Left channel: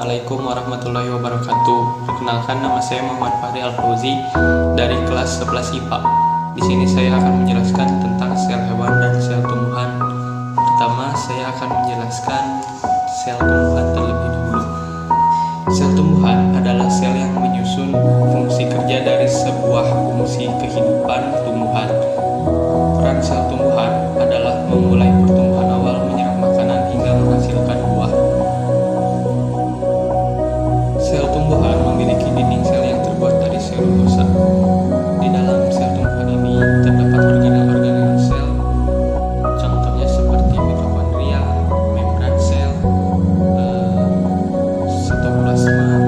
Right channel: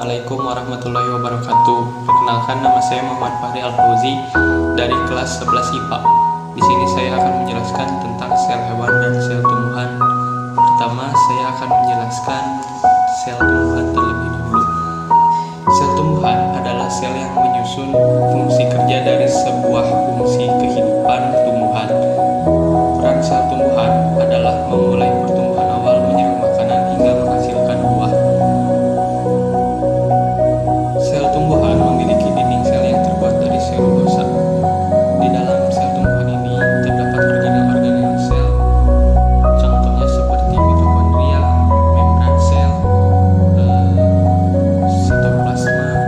Assalamualaikum warahmatullahi wabarakatuh. Perkenalkan, nama saya Muhammad Fahri Al-Fauzi dari kelas 11 IPA. Di sini saya akan menjelaskan tentang sel hewan dan sel tumbuhan. Pertama, saya akan menjelaskan sel tumbuhan terlebih dahulu. Sel tumbuhan adalah sel yang menyusun fungsi kerja dari sebuah fungsi kehidupan tumbuhan. Peran sel tumbuhan adalah memulai pertumbuhan awal, menyerap makanan hingga menghasilkan buah. Sel tumbuhan memiliki dinding sel yang terbuat dari selulosa. Di dalam sel tumbuhan ini terdapat organel-organel sel, contohnya seperti mitokondria, membran sel, sitoplasma,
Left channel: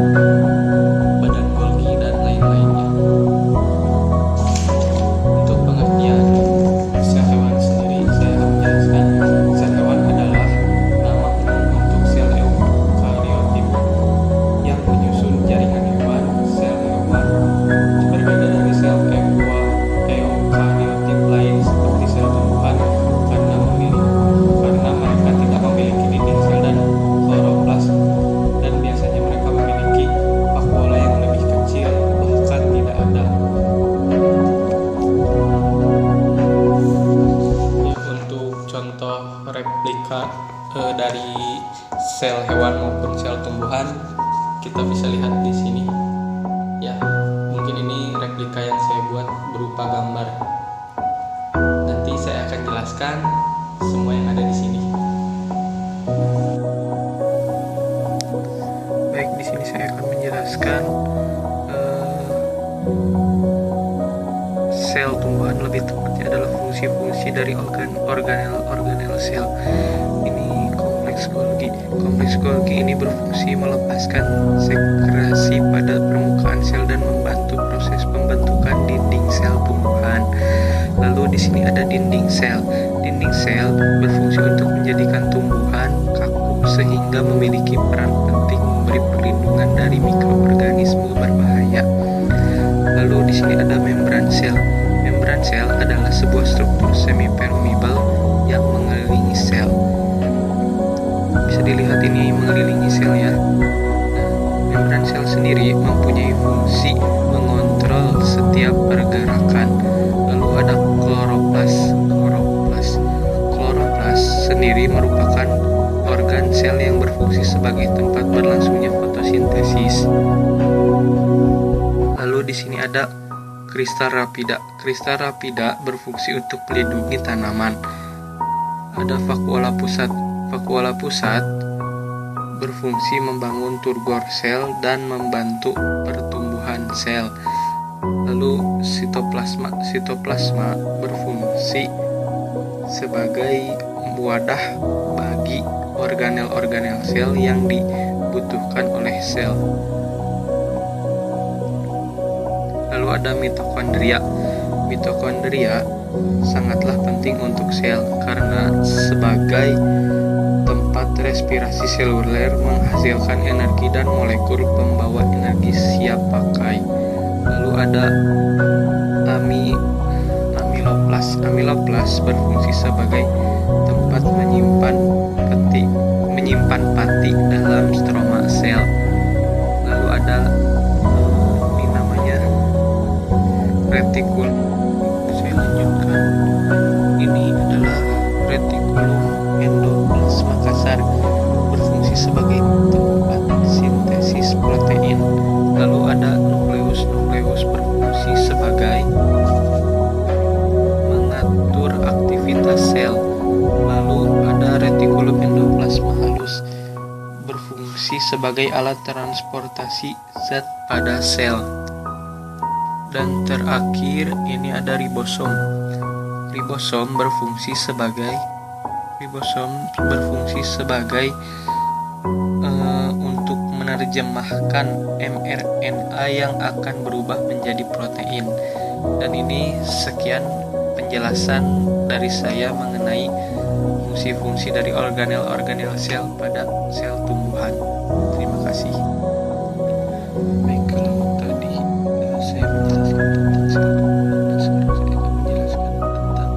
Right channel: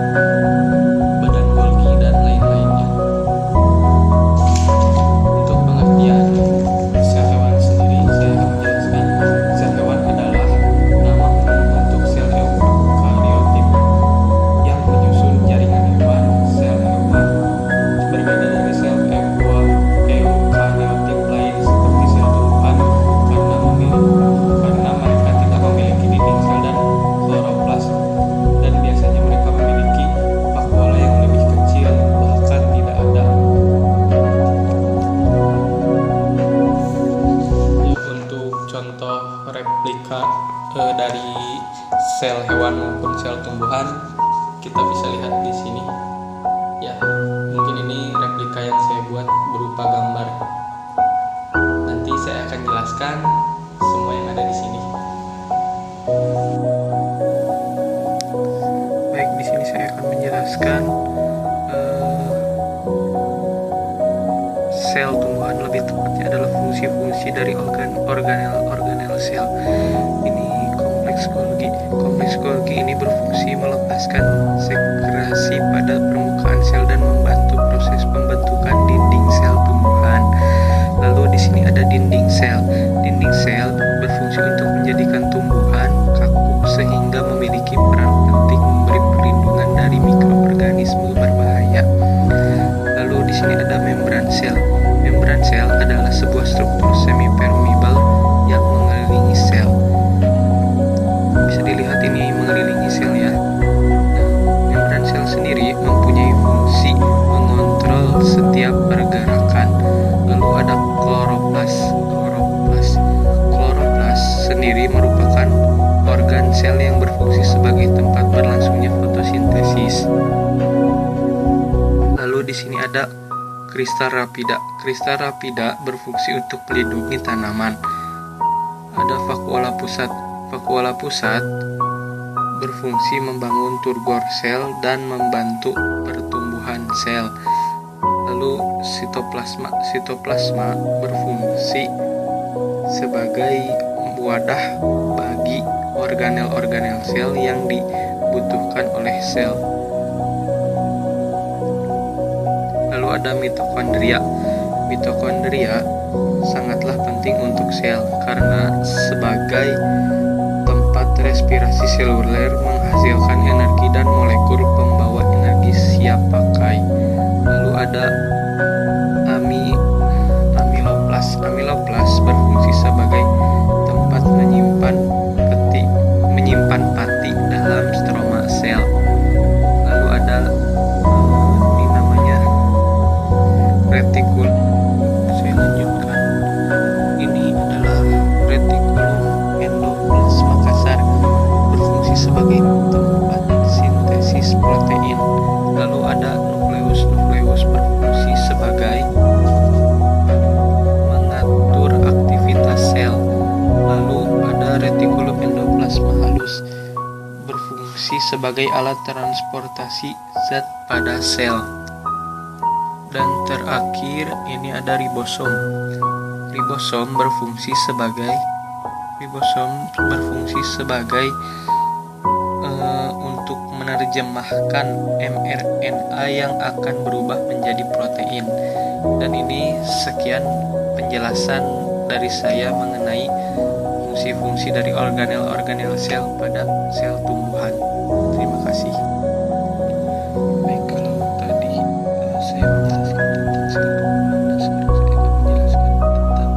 badan Golgi, dan lain-lainnya. Untuk pengertian sel hewan sendiri, saya akan menjelaskan sel hewan adalah nama umum untuk sel eukariotik yang menyusun jaringan hewan. Sel hewan berbeda dari sel eukariotik lain seperti sel tumbuhan karena mereka tidak memiliki dinding sel dan kloroplas, dan biasanya mereka memiliki vakuola yang lebih kecil, bahkan tidak ada. Ya, untuk contoh replika dari sel hewan maupun sel tumbuhan, kita bisa lihat di sini. Ya, mungkin ini replika yang saya buat berupa gambar. Nanti saya akan jelaskan semua yang ada di sini. Baik, di sini saya akan menjelaskan sel tumbuhan, lebih tepatnya adalah fungsi-fungsi dari organel sel. Ini kompleks Golgi. Kompleks Golgi ini berfungsi melepaskan sekresi pada permukaan sel dan membantu proses pembentukan dinding sel tumbuhan. Lalu di sini ada dinding sel. Dinding sel berfungsi untuk menjadikan tumbuhan kaku sehingga memiliki peran penting memberi perlindungan dari mikroorganisme berbahaya. Lalu di sini ada membran sel. Membran sel adalah sebuah struktur semi-permeable yang mengelilingi sel. Bisa dilihat ini mengelilingi sel ya. Membran sel sendiri mempunyai fungsi mengontrol setiap pergerakan. Lalu ada kloroplas. Kloroplas sendiri merupakan organ sel yang berfungsi sebagai tempat berlangsungnya fotosintesis. Lalu di sini ada kristal rapida. Kristal rapida berfungsi untuk melindungi tanaman. Ada vakuola pusat. Vakuola pusat berfungsi membangun turgor sel dan membantu pertumbuhan sel. Lalu sitoplasma berfungsi sebagai wadah bagi organel-organel sel yang dibutuhkan oleh sel. Lalu ada mitokondria. Mitokondria sangatlah penting untuk sel karena sebagai tempat respirasi seluler, menghasilkan energi dan molekul pembawa energi siap pakai. Lalu ada amiloplas. Amiloplas berfungsi sebagai tempat menyimpan pati dalam stroma sel. Lalu ada ini namanya retikul. Saya lanjutkan. Ini adalah retikulum endoplasma kasar, berfungsi sebagai tempat sintesis protein. Lalu ada nukleus. Nukleus berfungsi sebagai mengatur aktivitas sel. Lalu ada retikulum endoplasma halus, berfungsi sebagai alat transportasi zat pada sel. Dan terakhir ini ada ribosom. Ribosom berfungsi sebagai untuk menerjemahkan mRNA yang akan berubah menjadi protein. Dan ini sekian penjelasan dari saya mengenai fungsi-fungsi dari organel sel pada sel tumbuhan. Terima kasih. Baik, kalau tadi saya menjelaskan tentang sel tumbuhan, dan sekarang saya akan menjelaskan tentang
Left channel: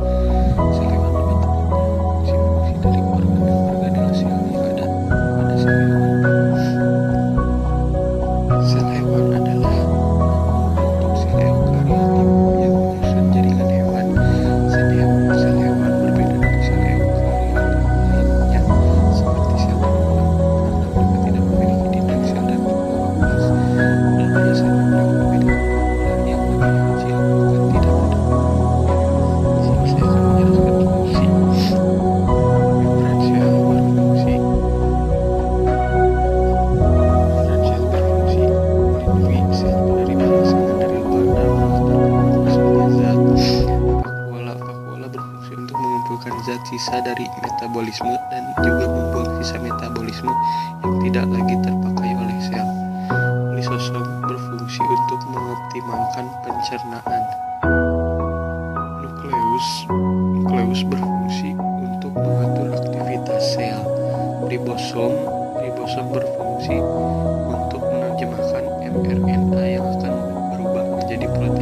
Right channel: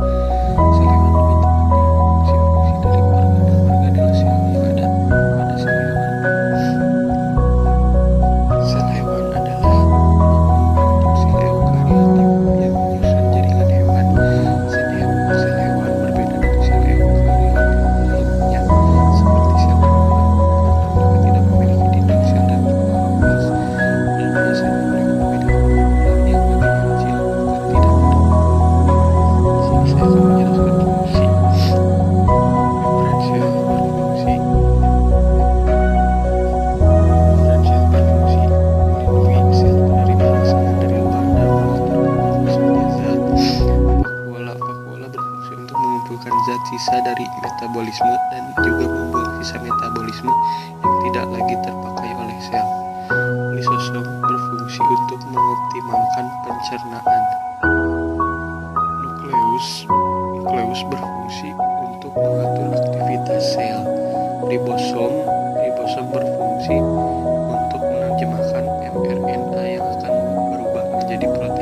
sel hewan, lebih tepatnya fungsi-fungsi dari organel sel yang ada pada sel hewan. sisa dari metabolisme dan juga membuang sisa metabolisme yang tidak lagi terpakai oleh sel. Lisosom berfungsi untuk mengoptimalkan pencernaan. Nukleus berfungsi untuk mengatur aktivitas sel. Ribosom berfungsi untuk menerjemahkan mRNA yang akan berubah menjadi protein.